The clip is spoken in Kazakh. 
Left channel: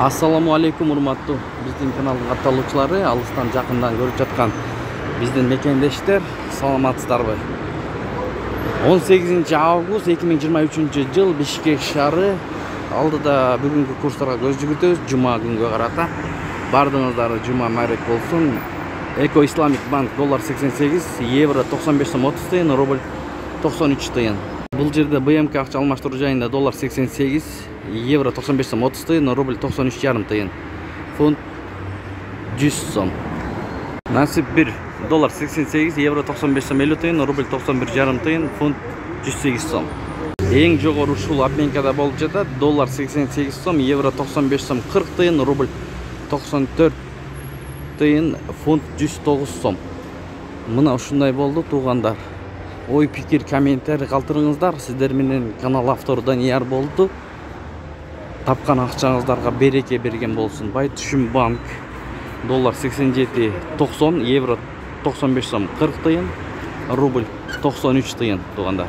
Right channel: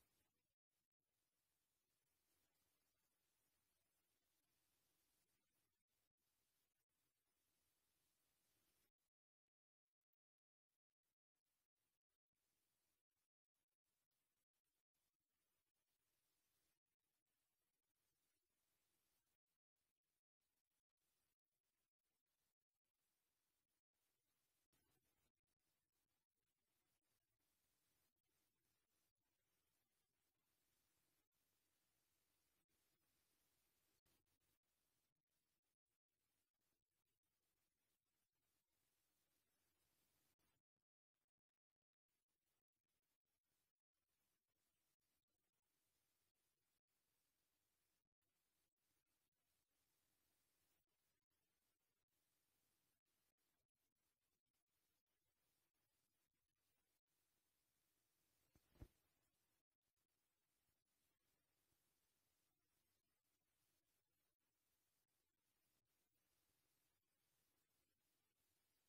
Assalamu alaikum урматтуу биздин каналдын катталуучулары, алыстан жакындан көрүп жаткан биздин мекендештер, саламатсыздарбы? 18 август 2023 жыл Бишкек шаары алдыда бүгүнкү курстарга көз жүгүртөбүз. Жума күнгө карата бардыңыздар жума майрек болсун. Эко Исламик банк доллар 88, евро 95 сом 30 тыйын, рубль 93 тыйын. Бұл жерде БМК акча алмаштыруу жайында доллар 88, евро 95 сом 30 тыйын, рубль 93,5 тыйын, фунт 100 сом. Насип 1 доллар 88, евро 95 сом 50 тыйын, рубль 91,5 тыйын, фунт 108 сом. Эң жогору ушул обменкада болуп жатат. Доллар 88 сом, евро 95 сом 40 тыйын, рубль 94 тыйын, фунт 109 сом. Мына ушундай болду туугандар. Ой, пикир, комментарий калтырыңыздар. Сиздер менен канал автору Данияр болду. Тапкан акчаңыздарга береке берген болсун. Байтүшүм банк доллар 87 90, евро 95 сом 40 тыйын, рубль 93 тыйын туугандар.